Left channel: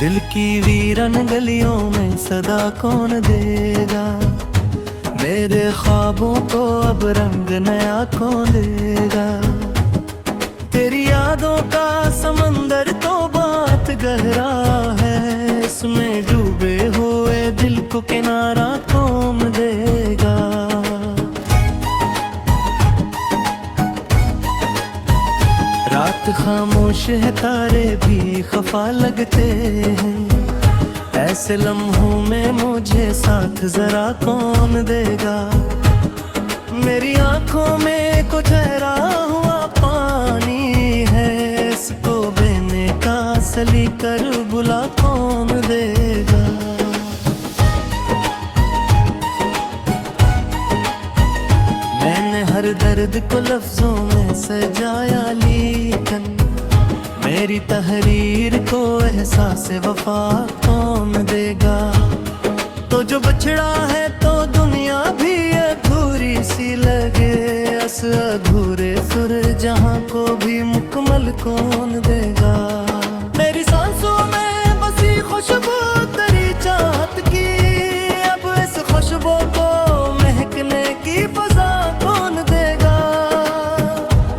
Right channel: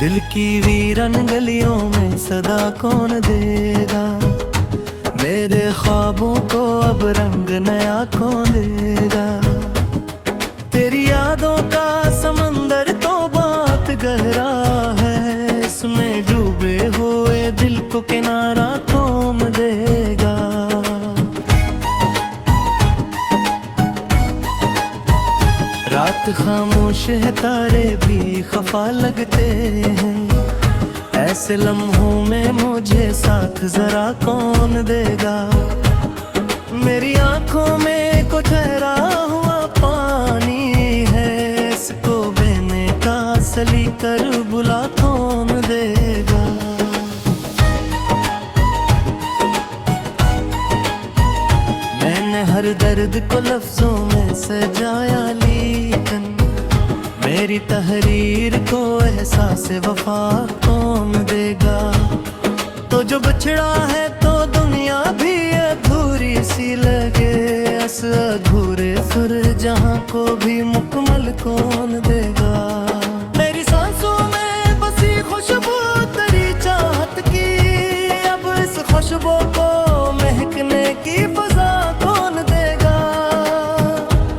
दिल की वीरन गलियों में सदा कौन देगा, मेरे ख्वाबों को अब रंग नया कौन देगा। तेरी यादों का समंदर तो बात गहरा है, इसमें डूबे हुए दिल को किनारा कौन देगा। रात खामोश है, तारे भी खफा लगते हैं, ऐसे लम्हों में मुझे साथ जरा कौन देगा। मेरी आंखों में कुछ ठहरा हुआ पानी है, इसको बहने का सली कर बुला कौन देगा। मैंने हर दर्द को लफ्जों में सजाया, लेकिन मेरी तहरीर को एहसास वफा कौन देगा। तो जो बछड़ा है तो दुनिया भी अधूरी सी लगे, अस अधूरे सुर जहां को भी मुकम्मल कौन देगा। मेरी सांसों में बसी खुशबू तेरी चाहत की, अब इस खुशबू को महकने की फजा कौन देगा।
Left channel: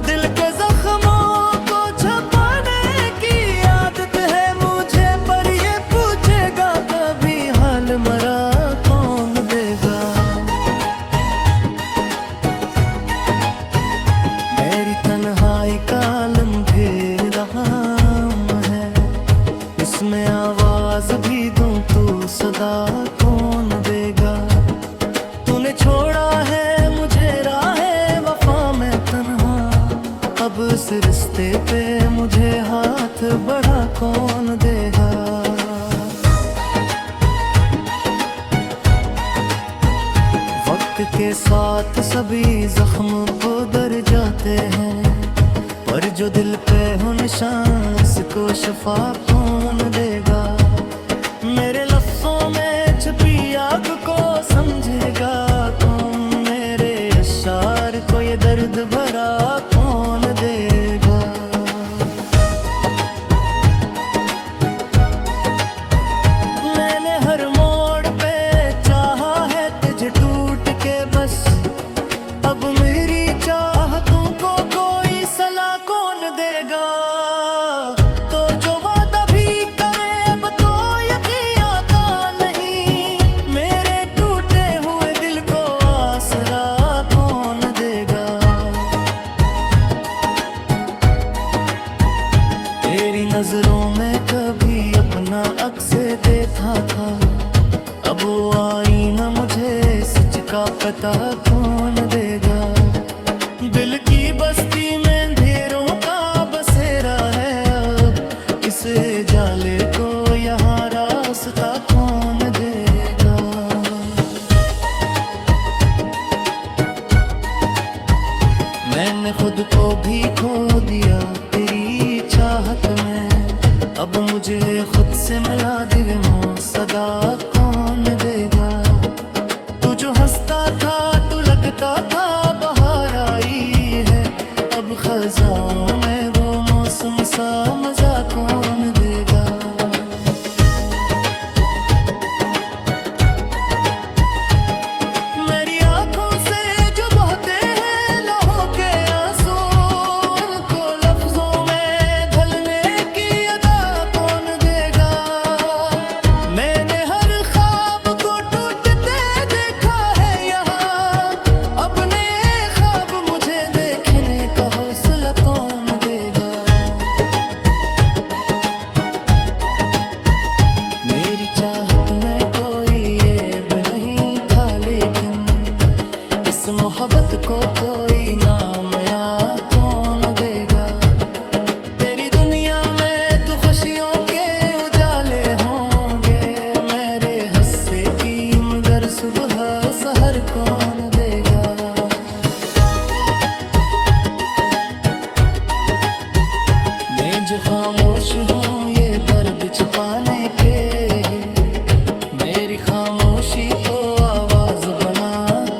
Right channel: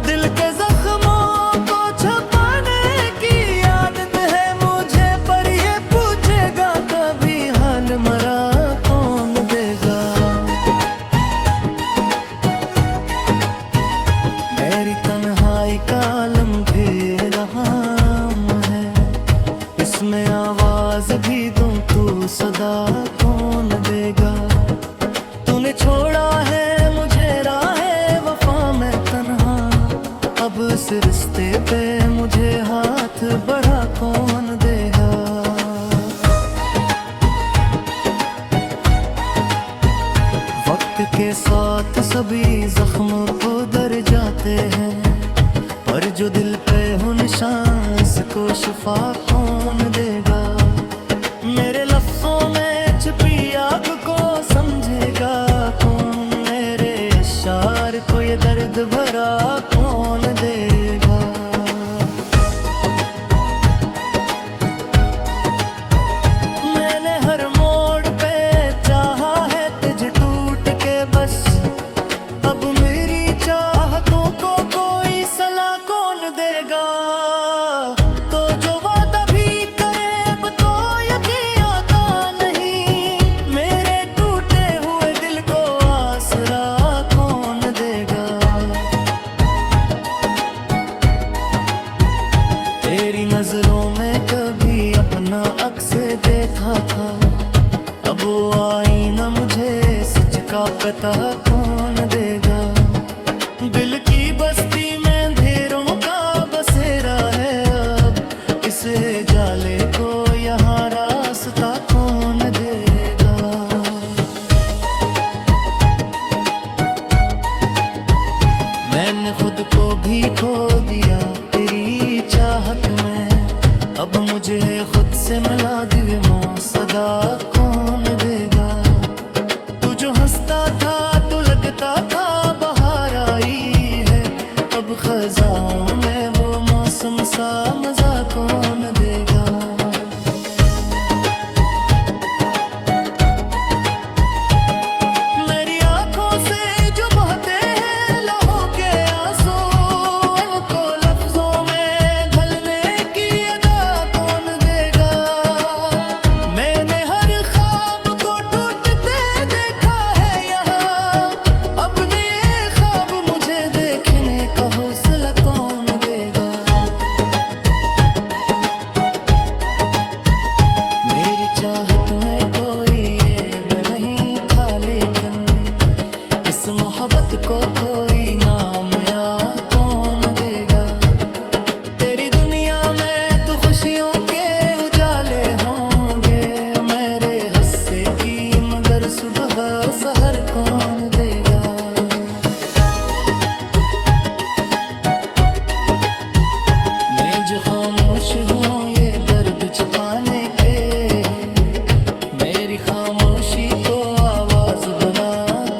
दिल के जख्मों को छुपाने की आदत है मुझे, पर ये पूछेगा कभी हाल मरा कौन देगा। मेरी तन्हाई का आलम घेरा है, इसमें आवाज भी दूं तू सदा कौन देगा। तूने छोड़ा है मुझे राहे वफा में तन्हा, अब इस रिश्ते पे मुझे हाथ बढ़ा कौन देगा। वक्त के साथ सभी जख्म उधर जाते हैं, पर जो दिल पे हो निशान इसको शफा कौन देगा। मेरे लफ्जों में छिपी आग को समझेगा कौन, मेरे अशार को ये दर्द भरा कौन देगा। मैंने हर मोड़ पे चाहा है तुझे टूट के बस, अब मेरी चाहतों को कोई सलाह कौन देगा। तो जो वादा भी करे अब तो यकीन आता नहीं, मेरे टूटे हुए दिल को आसरा कौन देगा। तेरी नजरों में कभी अपना अक्स देखा था, अब वो आईना मुझे सच का पता कौन देगा। दिल की बस्ती में अंधेरों का बसेरा है, अब इस जाले को यहाँ रास्ता कौन देगा। मैंने खुद को भी खो दिया तेरी चाहत में, अब मुझे खुद से मिला दिल मो सदा कौन देगा। तू जो हंसता था तू लगता था बहार आई है, अब खजाओं में वो मौसम सा मजा कौन देगा। मेरी आंखों से जो बहते हैं लहू के आंसू, उनको लफ्जों में ढलने की अदा कौन देगा। मैंने हर ख्वाब को टूटते देखा है यहाँ, अब नए ख्वाब मुझे देखने का हौसला कौन देगा। मेरी चाहत में कोई ऐब नहीं था, लेकिन इस मोहब्बत को कोई नाम या कौन देगा। तेरी दुनिया में तो खुशियों के उजाले होंगे, मेरे हिस्से की मगर सुबह सहर कौन देगा। मैं जो खामोश हूँ ये दर्द छुपाने के, मेरी खामोशी को आवाज बना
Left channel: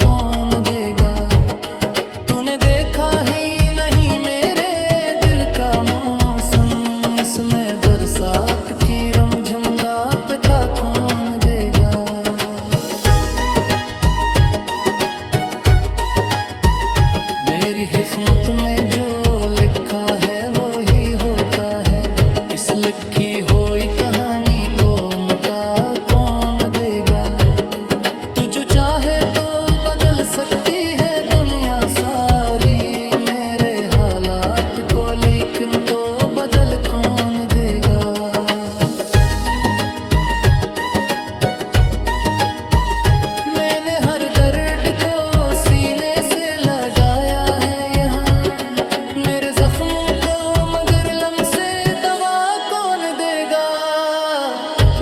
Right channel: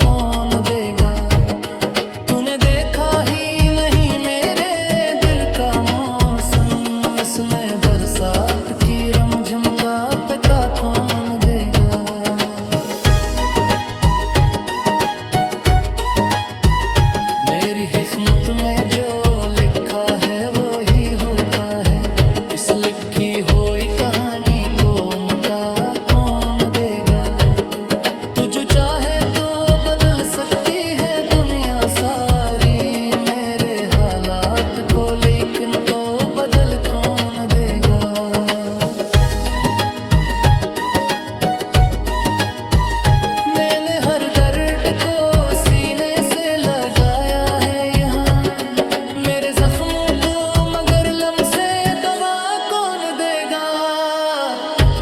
कौन देगा। तूने देखा ही नहीं मेरे दिल का मौसम, इसमें बरस बरसात की रमझम का पता कौन देगा। मेरी किस्मत में जो लिखा है वो ही होता है, इस लिखी हुई कहानी को मता कौन देगा। तू जो चाहे तो बदल सकती है दुनिया सारी, मेरे हालात को लेकिन तो बदल कौन देगा। मैंने हर दर्द को सीने से लगाया है यहाँ, मेरे जख्मों को मगर लम से दवा कौन देगा।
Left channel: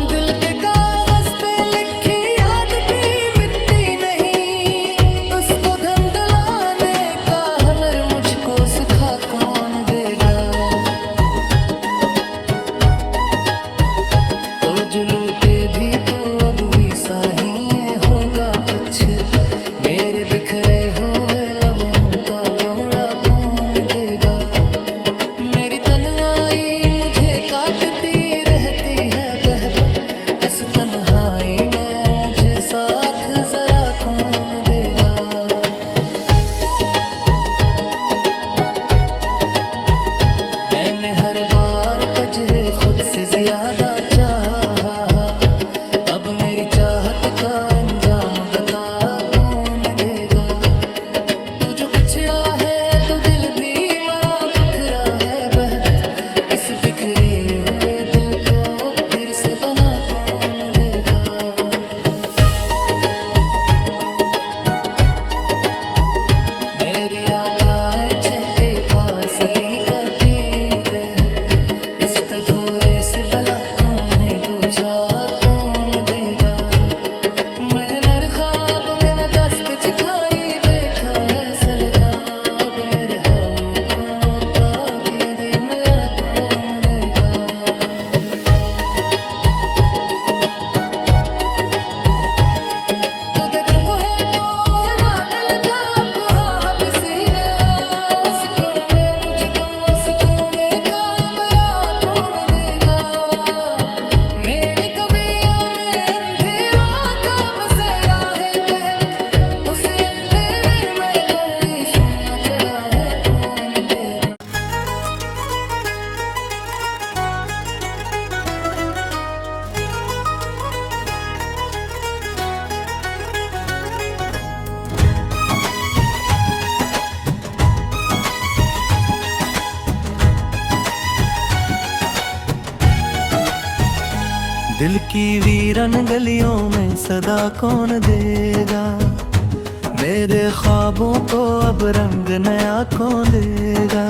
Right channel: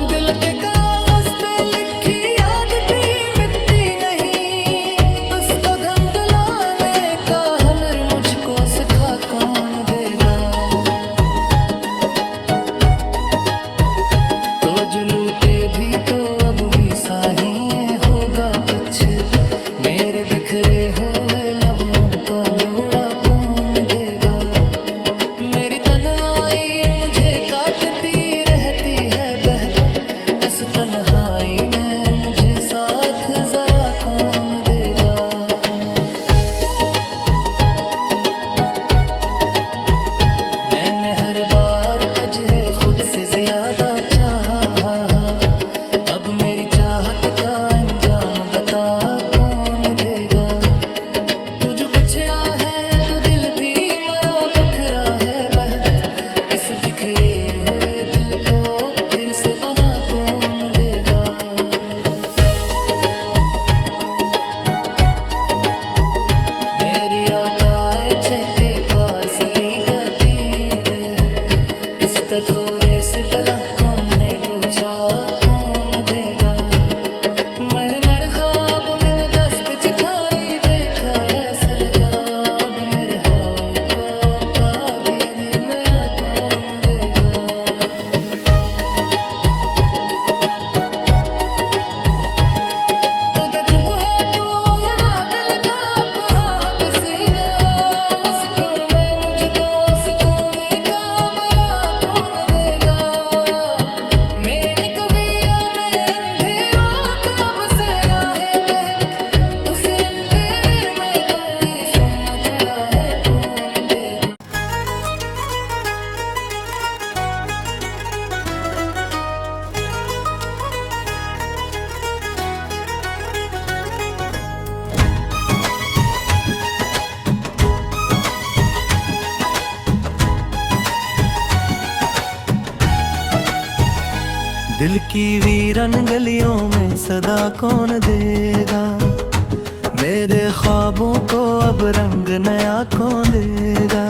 दिल के कागज पे लिखी याद भी मिटती नहीं, उसको धंधलाने का हुनर मुझको सिखा कौन देगा। तो जो लूटे भी तो अब भी साही होगा कुछ, मेरे बिखरे हुए लम्हों का लोड़ा कौन देगा। मेरी तन्हाई मुझे काटती रहती है बहक, इस तन्हाई में मुझे साथ जरा कौन देगा। मैंने हर बार तुझे खुद से ज्यादा चाहा, अब मेरी चाहत का अंजाम बता कौन देगा। तू जो बिछड़ा है तो दिल भी मरा बखरा है बहक, इस बिखरे हुए दिल को फिर से बना कौन देगा। मेरी औकात चहके पार्सली गति रे, इस तधोरे से बला कौन दूजा कौन देगा। मैंने नर ख्वाब में न दस पे चिखारी देखा ऐसा लगा, अब मेरे हाथ का दिया नया कौन देगा। तो जो है तो है ना दिल का खुहा पसीना, उसको मैं मुझको सुकूने का बरा कौन देगा। मेरी कविया में अंधेरों का बसेरा है बहक, उसे अंधेरे में कोई सुन चढ़ा है कौन देगा। दिल की वीरन गलियों में सदा कौन देगा, मेरे ख्वाबों को अब रंग नया कौन देगा।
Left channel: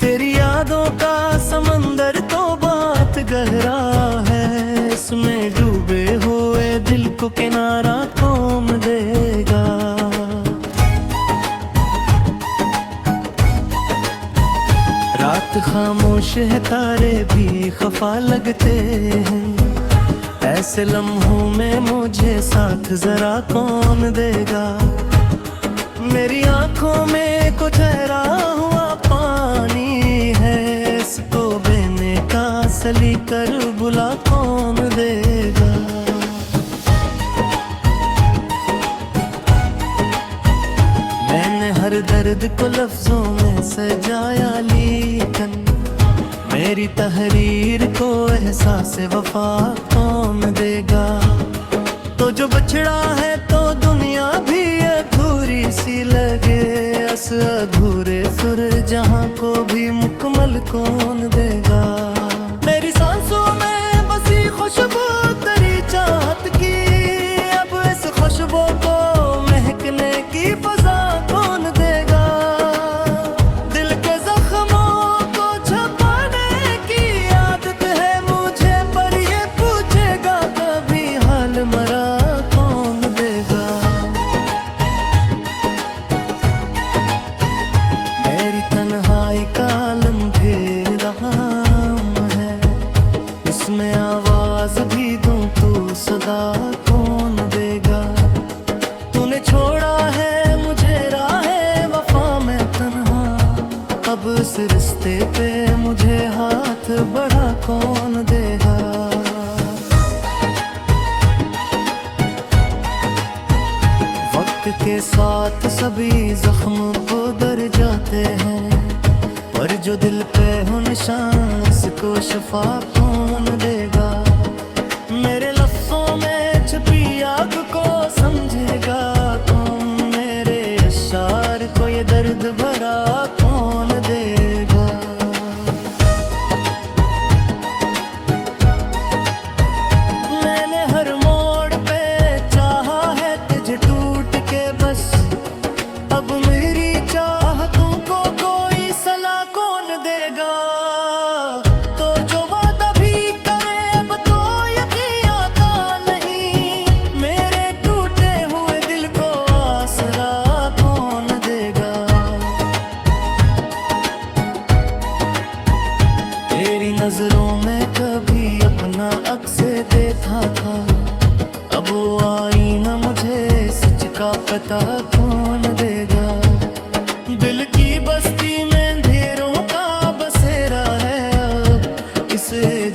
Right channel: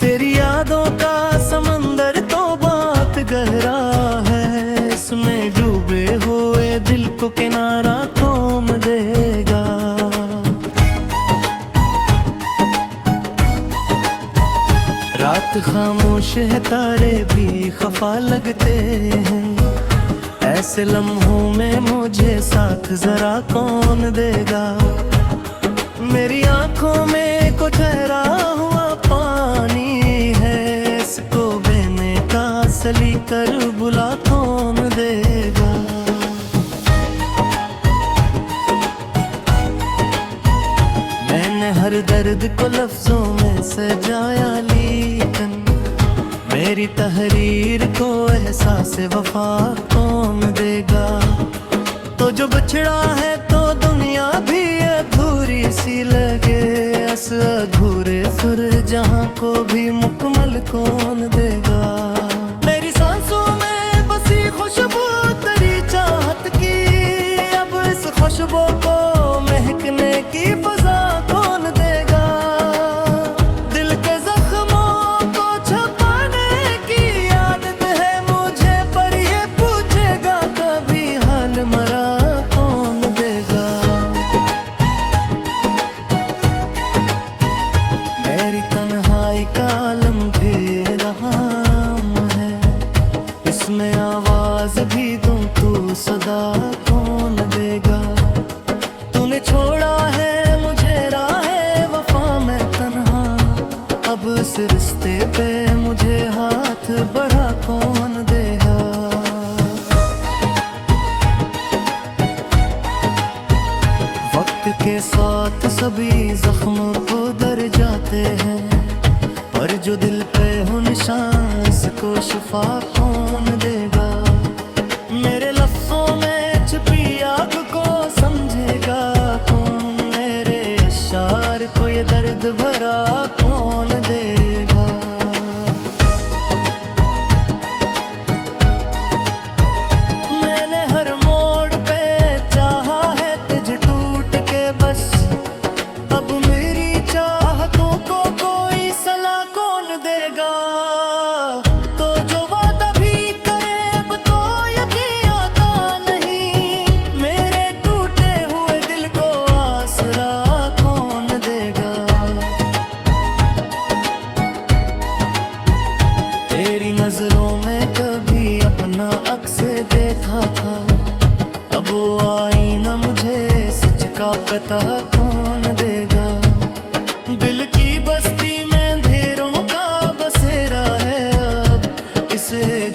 तेरी यादों का समंदर तो बात गहरा है, इसमें डूबे हुए दिल को किनारा कौन देगा। रात खामोश है तारे भी खफा लगते हैं, ऐसे लम्हों में मुझे साथ जरा कौन देगा। मेरी आंखों में कुछ ठहरा हुआ पानी है, इसको बहने का सली कर बुला कौन देगा। मैंने हर दर्द को लफ्जों में सजाया, लेकिन मेरी तहरीर को एहसास वफा कौन देगा। तो जो बिछड़ा है तो दुनिया भी अधूरी सी लगे, अस अधूरे सुर जहां को भी मुकम्मल कौन देगा। मेरी सांसों में बसी खुशबू तेरी चाहत की, अब इस खुशबू को महकने की फजा कौन देगा। दिल के जख्मों को छुपाने की आदत है मुझे, पर ये पूछेगा कभी हाल मरा कौन देगा। मेरी तन्हाई का आलम घेरा है, इसमें आवाज भी दूं तू सदा कौन देगा। तूने छोड़ा है मुझे राहे वफा में तन्हा, अब इस रिश्ते पे मुझे हाथ बढ़ा कौन देगा। वक्त के साथ सभी जख्म उधर जाते हैं, पर जो दिल पे हो निशान इसको शफा कौन देगा। मेरे लफ्जों में छिपी आग को समझेगा कौन, मेरे अशार को ये दर्द भरा कौन देगा। मैंने हर मोड़ पे चाहा है तुझे टूट के बस, अब मेरी चाहतों को कोई सलाह कौन देगा। तो जो वादा भी करे अब तो यकीन आता नहीं, मेरे टूटे हुए दिल को आसरा कौन देगा। तेरी नजरों में कभी अपना अक्स देखा था, अब वो आईना मुझे सच का पता कौन देगा। दिल की बस्ती में अंधेरों का बसेरा है, अब इस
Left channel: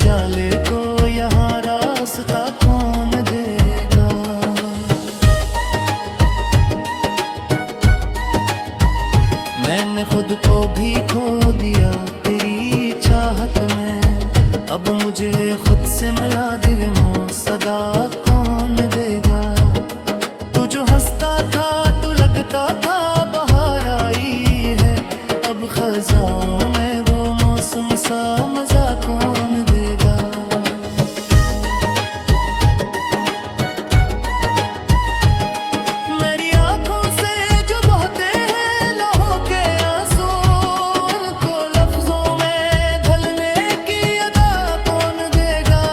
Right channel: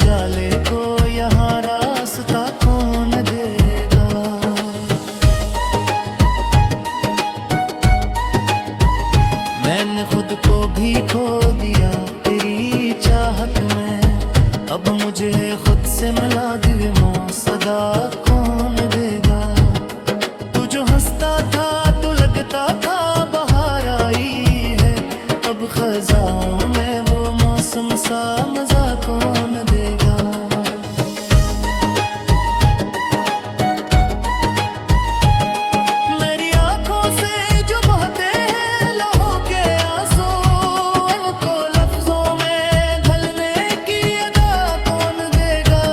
जाले को यहाँ रास्ता कौन देगा। मैंने खुद को भी खो दिया तेरी चाहत में, अब मुझे खुद से मिला दिल में सदा कौन देगा। तू जो हंसता था तू लगता था बहार आई है, अब खजाओं में वो मौसम सा मजा कौन देगा। मेरी आंखों से जो बहते हैं लहू के आंसू, उनको लफ्जों में ढलने की अदा कौन देगा।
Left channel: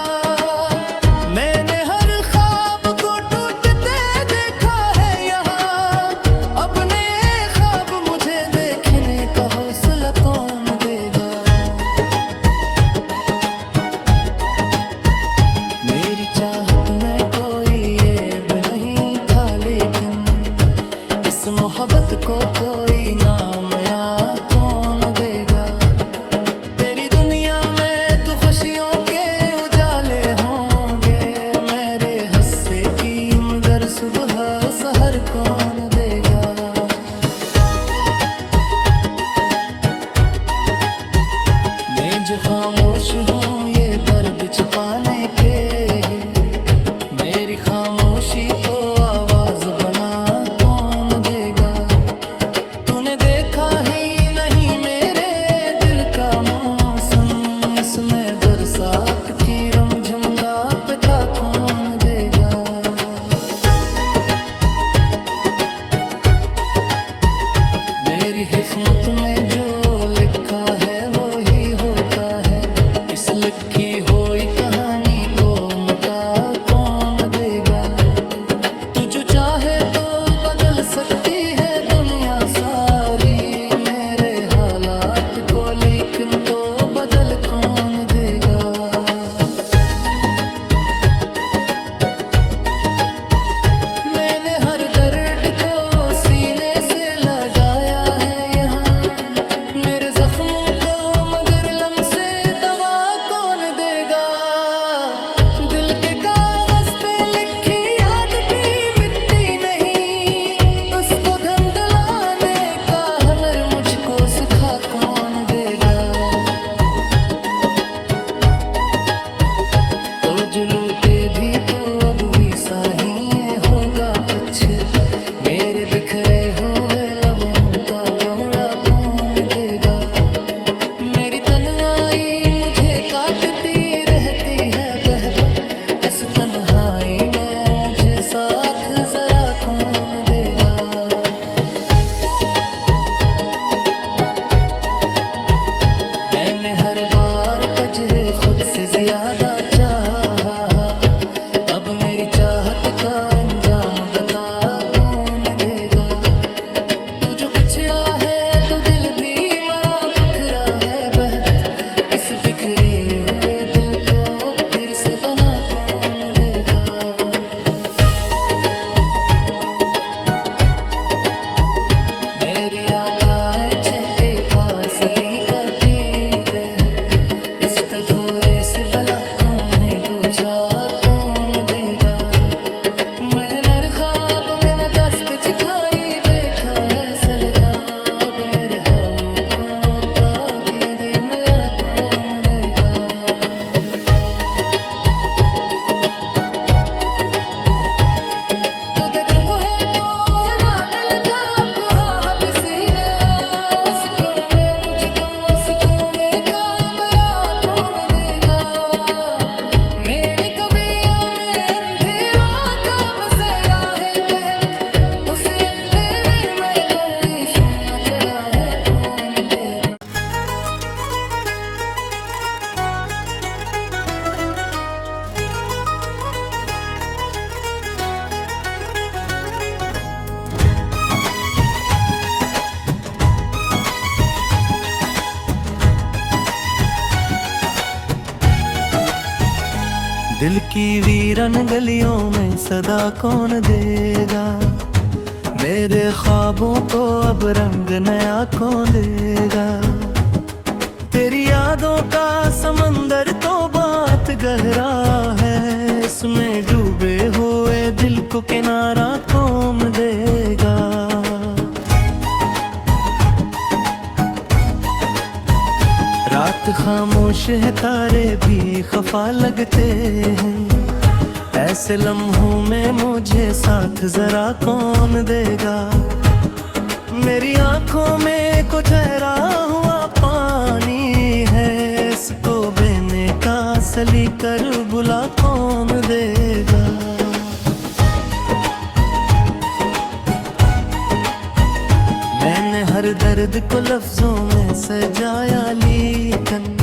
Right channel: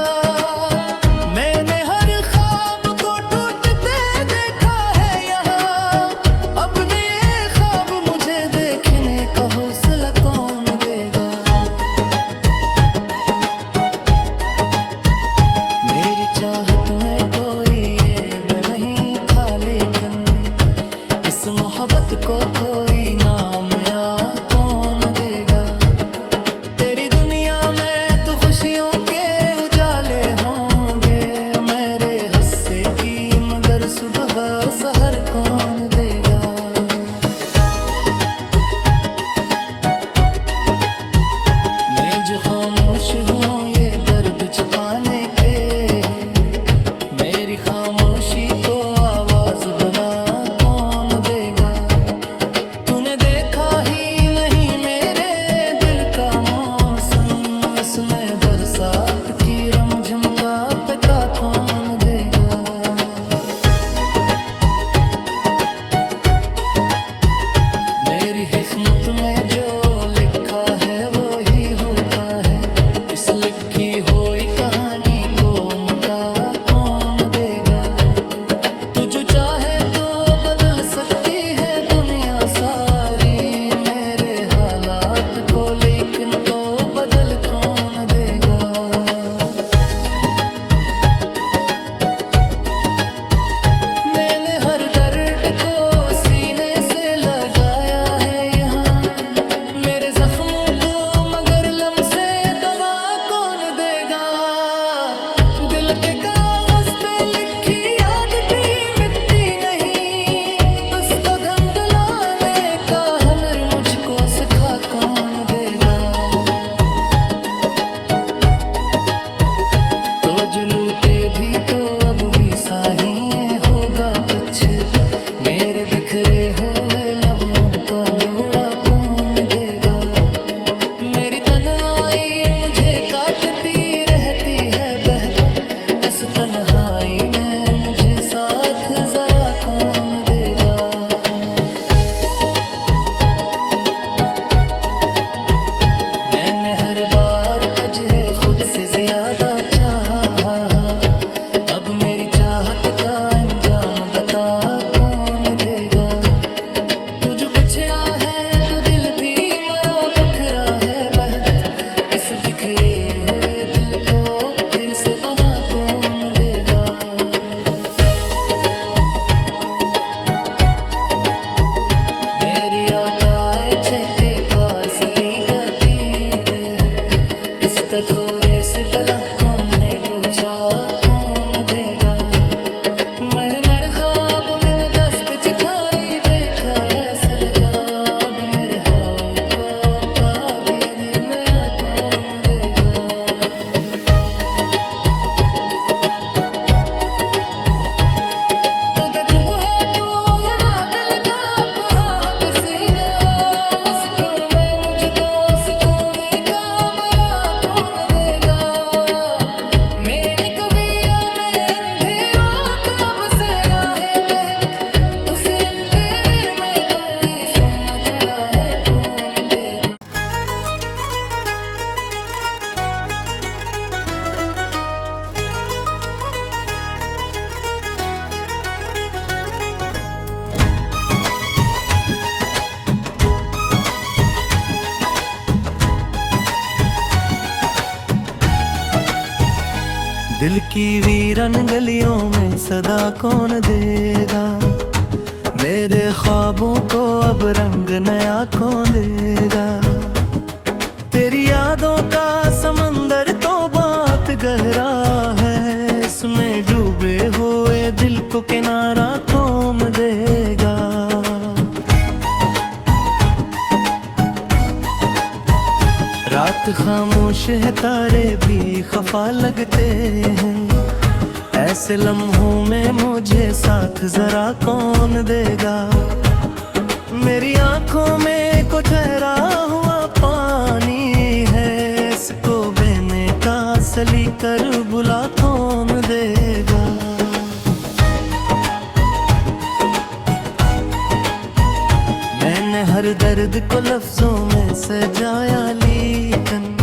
मैंने हर ख्वाब को टूटते देखा है यहाँ, अब नए ख्वाब मुझे देखने का हौसला कौन देगा। मेरी चाहत में कोई ऐब नहीं था, लेकिन इस मोहब्बत को कोई नाम या कौन देगा। तेरी दुनिया में तो खुशियों के उजाले होंगे, मेरे हिस्से की मगर सुबह सहर कौन देगा। मैं जो खामोश हूँ ये दर्द छिपाने के, मेरी खामोशी को आवाज बना कौन देगा। तूने देखा ही नहीं मेरे दिल का मौसम, इसमें बरसात की रमझम का पता कौन देगा। मेरी किस्मत में जो लिखा है वो ही होता है, इस लिखी हुई कहानी को मता कौन देगा। तू जो चाहे तो बदल सकती है दुनिया सारी, मेरे हालात को लेकिन तो बदल कौन देगा। मैंने हर दर्द को सीने से लगाया है यहाँ, मेरे जख्मों को मगर लम से दवा कौन देगा। दिल के कागज पे लिखी याद भी मिटती नहीं, उसको धंधलाने का हुनर मुझको सिखा कौन देगा। तो जो लूटे भी तो अब भी साही होगा कुछ, मेरे बिखरे हुए लम्हों का लोड़ा कौन देगा। मेरी तन्हाई मुझे काटती रहती है बहक, इस तन्हाई में मुझे साथ जरा कौन देगा। मैंने हर बार तुझे खुद से ज्यादा चाहा, अब मेरी चाहत का अंजाम बता कौन देगा। तू जो बिछड़ा है तो दिल भी मरा बखरा है बहक, इस बिखरे हुए दिल को फिर से बना कौन देगा। मेरी औकात चेक के पार्सली गति रे इस अधूरे से भला कौन दूजा कौन देगा। मैंने ख्वाब में न दस पे चिखारी देखा ऐसा लगा अब मेरे हाथ को दिया मैं कौन देगा। तो जो है तो है ना दिल का ख्वाब सीने उसको मैं मुझको सुकून का बड़ा कौन देगा। मेरी कवियां में अंधेरों का बसेरा है बहत उसे अंधेरे में कोई सुना चढ़ा है कौन देगा। दिल की वीरन गलियों में सदा कौन देगा। मेरे ख्वाबों को अब रंग नया कौन देगा। तेरी यादों का समंदर तो बात गहरा है इसमें डूबे हुए दिल को किनारा कौन देगा। रात खामोश है तारे भी खफा लगते हैं ऐसे लम्हों में मुझे साथ जरा कौन देगा। मेरी आंखों में कुछ ठहरा हुआ पानी है इसको बहने का सली कर बुला कौन देगा। मैंने हर दर्द को लफ्जों में सजाया लेकिन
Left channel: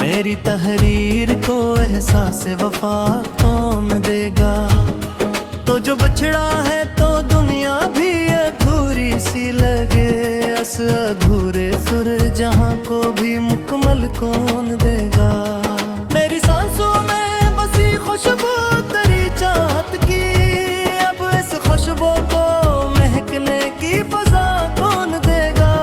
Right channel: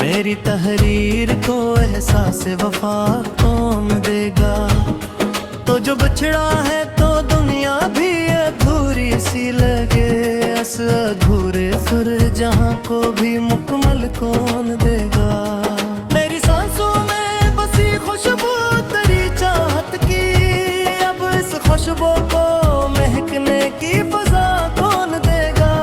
मेरी तहरीर को एहसास वफा कौन देगा। तो जो बछड़ा है तो दुनिया भी अधूरी सी लगे इस अधूरे सुर जहां को भी मुकम्मल कौन देगा। मेरी सांसों में बसी खुशबू तेरी चाहत की अब इस खुशबू को महकने की फजा कौन देगा।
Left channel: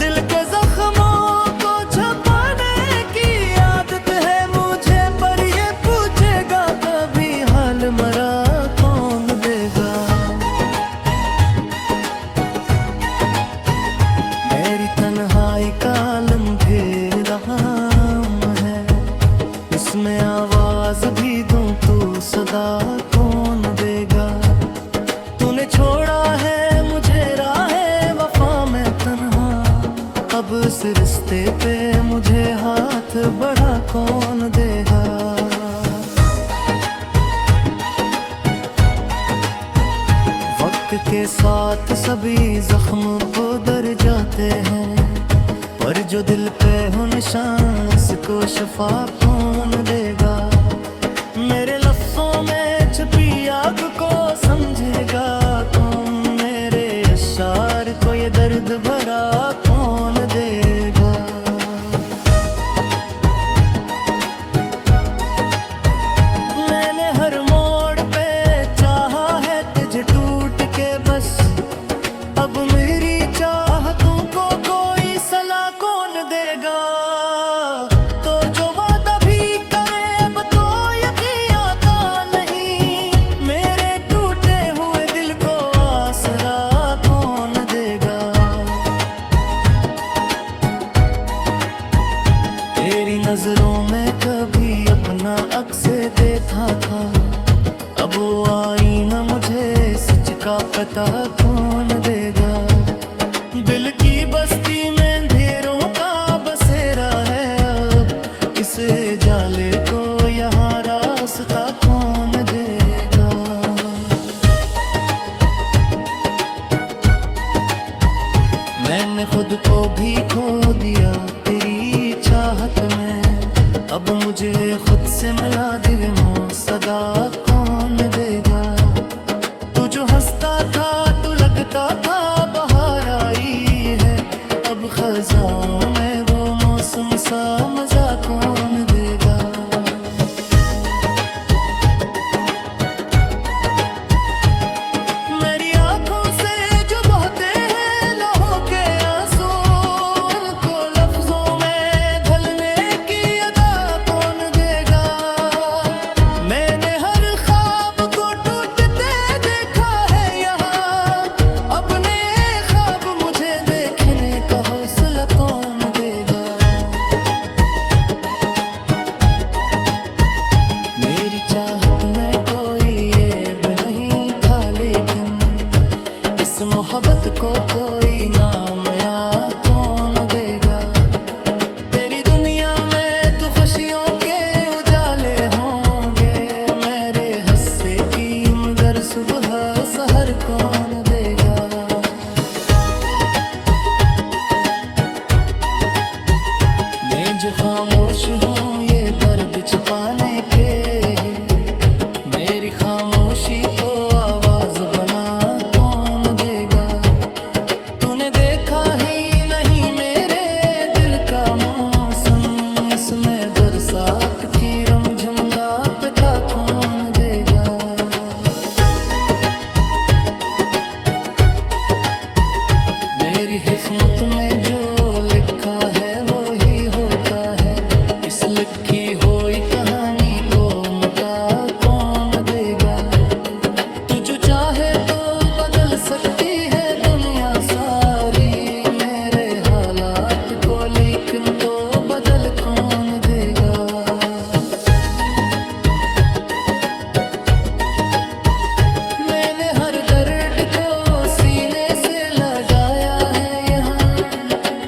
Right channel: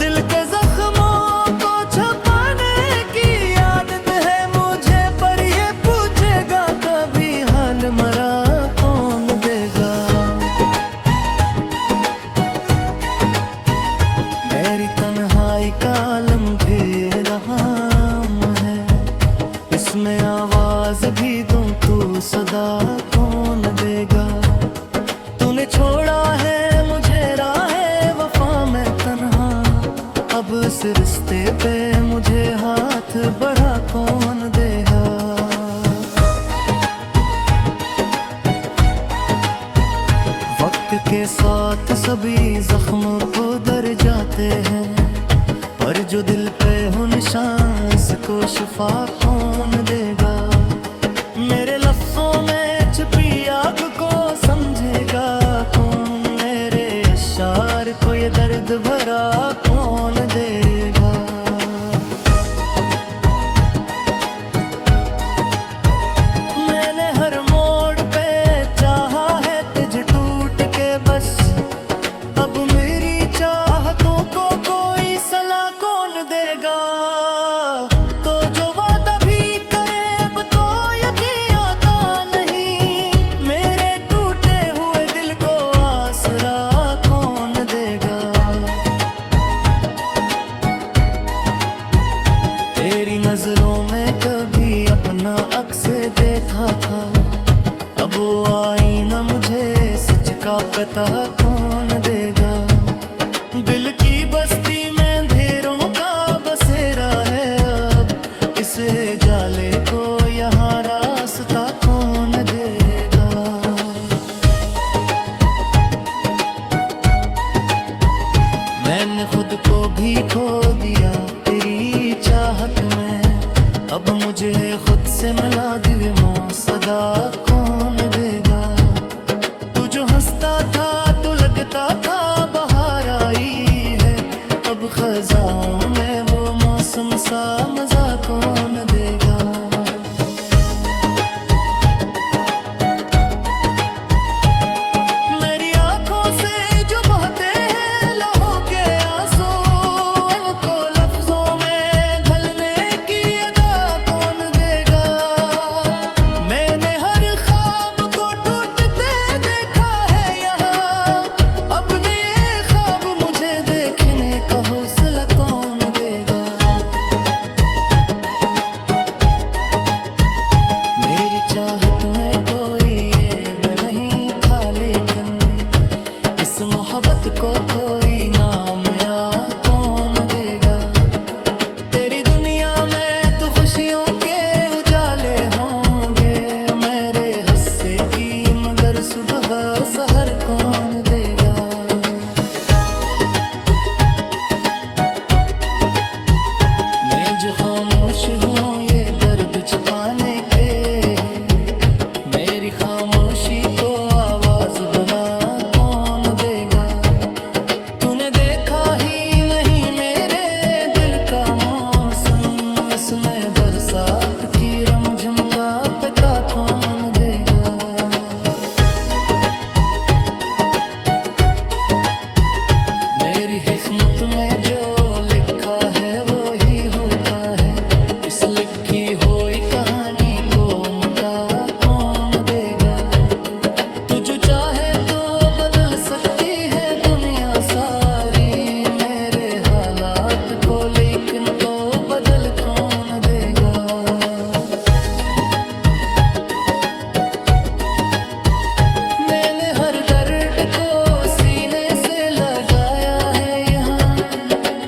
दिल के जख्मों को छुपाने की आदत है मुझे पर ये पूछेगा कभी हाल मरा कौन देगा। मेरी तन्हाई का आलम घेरा है इसमें आवाज भी दूं तू सदा कौन देगा। तूने छोड़ा है मुझे राहे वफा में तन्हा अब इस रिश्ते पे मुझे हाथ बढ़ा कौन देगा। वक्त के साथ सभी जख्म उधर जाते हैं पर जो दिल पे हो निशान इसको शफा कौन देगा। मेरे लफ्जों में छुपी आग को समझेगा कौन मेरे अशार को ये दर्द भरा कौन देगा। मैंने हर मोड़ पे चाहा है तुझे टूट के बस अब मेरी चाहतों को कोई सलाह कौन देगा। तो जो वादा भी करे अब तो यकीन आता नहीं मेरे टूटे हुए दिल को आसरा कौन देगा। तेरी नजरों में कभी अपना अक्स देखा था अब वो आईना मुझे सच का पता कौन देगा। दिल की बस्ती में अंधेरों का बसेरा है अब इस जाले को यहाँ रास्ता कौन देगा। मैंने खुद को भी खो दिया तेरी चाहत में अब मुझे खुद से मिला दिल मो सदा कौन देगा। तू जो हंसता था तू लगता था बहार आई है अब खजाओं में वो मौसम सा मजा कौन देगा। मेरी आंखों से जो बहते हैं लहू के आंसू मोहब्बत को कोई नाम या कौन देगा। तेरी दुनिया में तो खुशियों के उजाले होंगे, मेरे हिस्से की मगर सुबह सहर कौन देगा। मैं जो खामोश हूँ ये दर्द छुपाने के, मेरी खामोशी को आवाज बना कौन देगा। तूने देखा ही नहीं मेरे दिल का मौसम, इसमें बरसात की रमझम का पता कौन देगा। मेरी किस्मत में जो लिखा है वो ही होता है, इस लिखी हुई कहानी को मका कौन देगा। तू जो चाहे तो बदल सकती है दुनिया सारी, मेरे हालात को लेकिन तो बदल कौन देगा। मैंने हर दर्द को सीने से लगाया है यहाँ,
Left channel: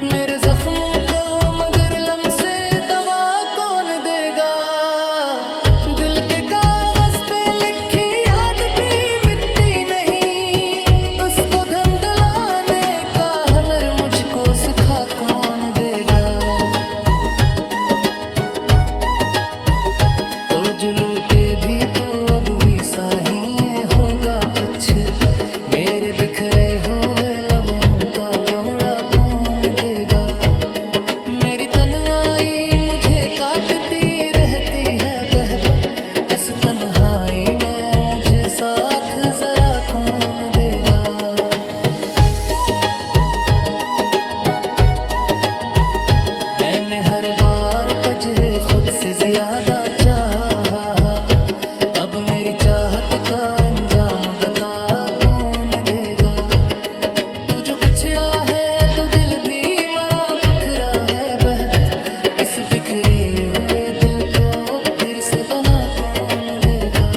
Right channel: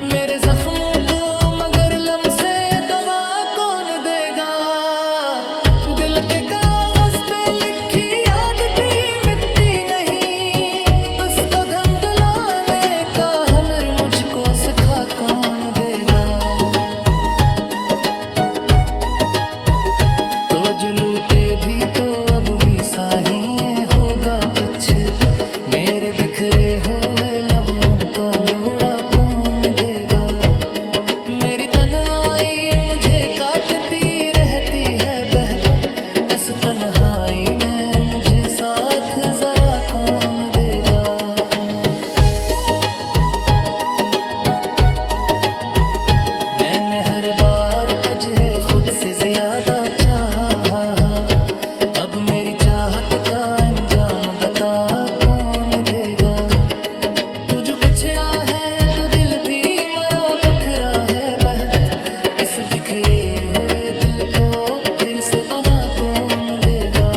मेरे जख्मों को मगर लम से दवा कौन देगा। दिल के कागज पे लिखी याद भी मिटती नहीं, उसको धंधलाने का हुनर मुझको सिखा कौन देगा। तो जो लूटे भी तो अब भी साहिए होगा कुछ, मेरे बिखरे हुए लम्हों का लोड़ा कौन देगा। मेरी तन्हाई मुझे काटती रहती है बहक, इस तन्हाई में मुझे साथ जरा कौन देगा। मैंने हर बार तुझे खुद से ज्यादा चाहा, अब मेरी चाहत का अंजाम बता कौन देगा। तू जो बिछड़ा है तो दिल भी मरा बखरा है बहक, इस बिखरे हुए दिल को फिर से बना कौन देगा।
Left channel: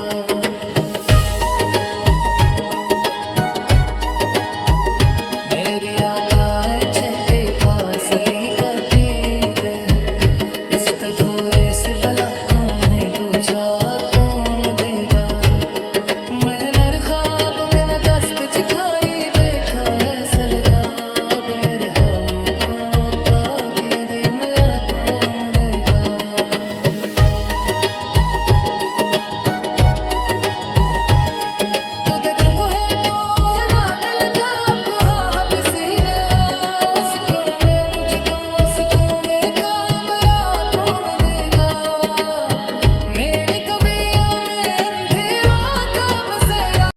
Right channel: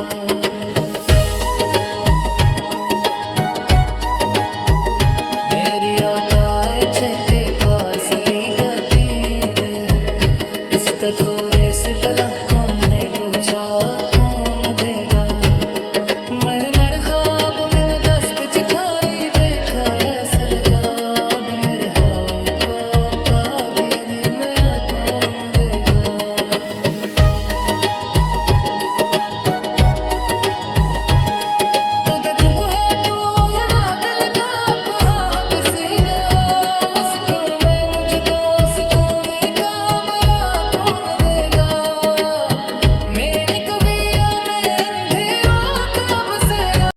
मेरी आकाए चहके पार्सली गति रे, इस तधोरे से बला कौन दूजा कौन देगा। मैं नर ख्वाब में दस पे चिखारी